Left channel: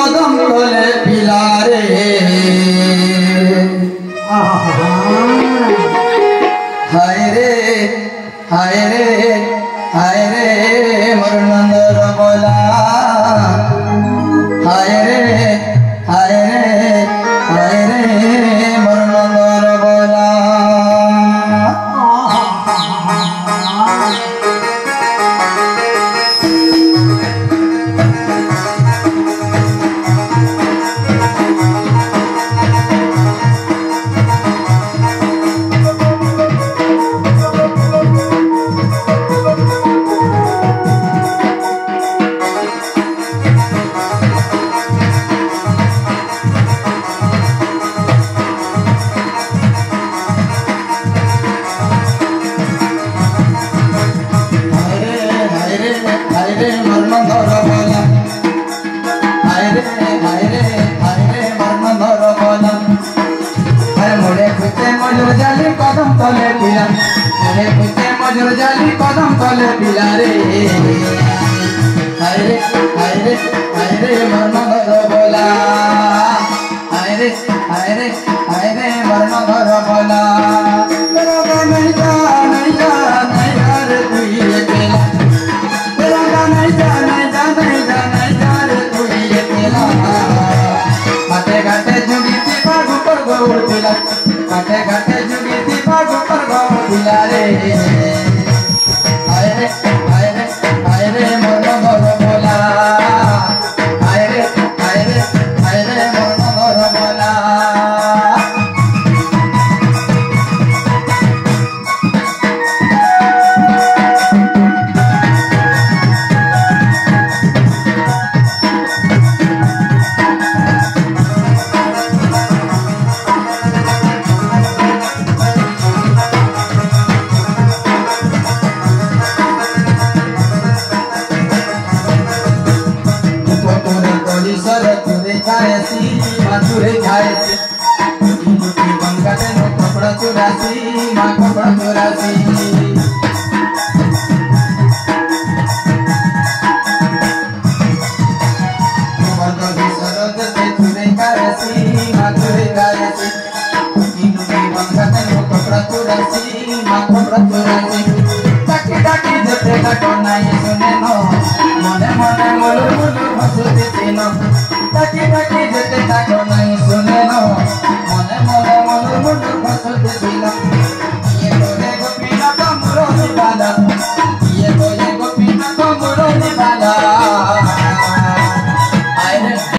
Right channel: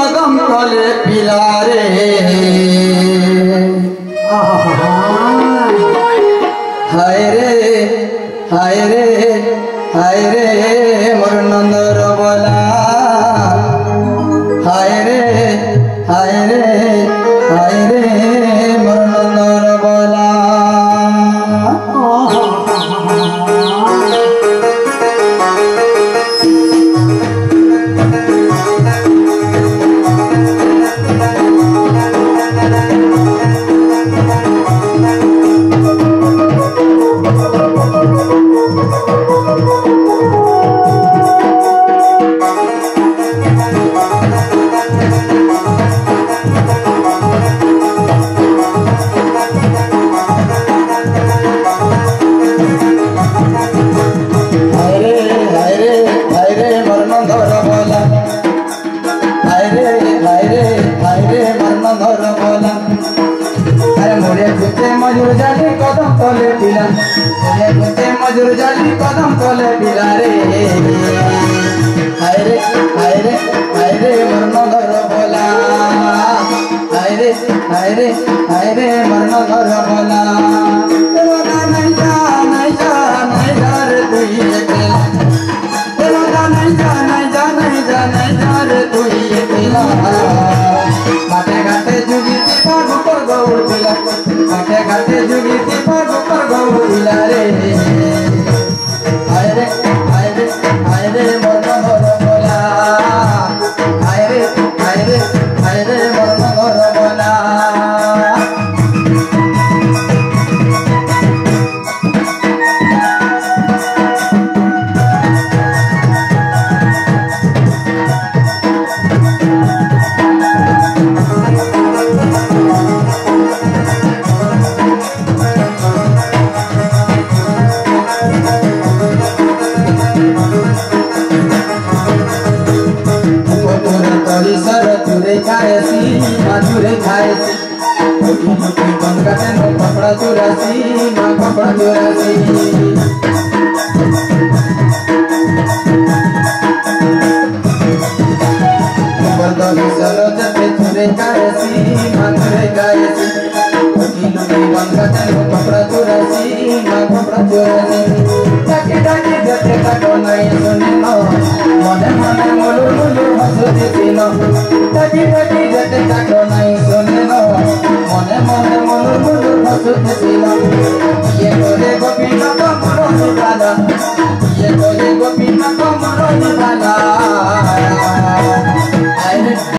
कदम तले पिलारे हाय रे हाय रे हाय रे मोर नंदर बोला हाय रे हाय रे हाय रे मोर नंदर बोला मजूर जाली कदम तले पिला मजूर जाली कदम तले पिला रे हाय रे हाय रे हाय रे मन घर बोला हाय रे हाय रे हाय रे मन घर बोला नहीं जा नहीं जा नहीं जा रे तू ये पिला नहीं जा नहीं जा नहीं जा नहीं जा रे तू ये पिला घाटे घाटे जुगी पाग पर गौर पिला घाटे घाटे जुगी पाग पर गौर पिला रे हाय रे हाय रे हाय रे मन घर बोला हाय रे हाय रे हाय रे मन घर बोला मधुरे खाएसी गंगा नो कपड़ा चुरासी माँ कपड़ा चुरासी सरोजते चुरे खाएसी मधुरे खाएसी गंगा नो कपड़ा चुरासी माँ कपड़ा चुरासी टाकी टाकी जते टाको नहीं सुने नो मने मने मुलु मुलु हंसुती तीनो टाकी टाकी जते टाको नहीं सुने नो मने मने मुलु मुलु हंसुती तीनो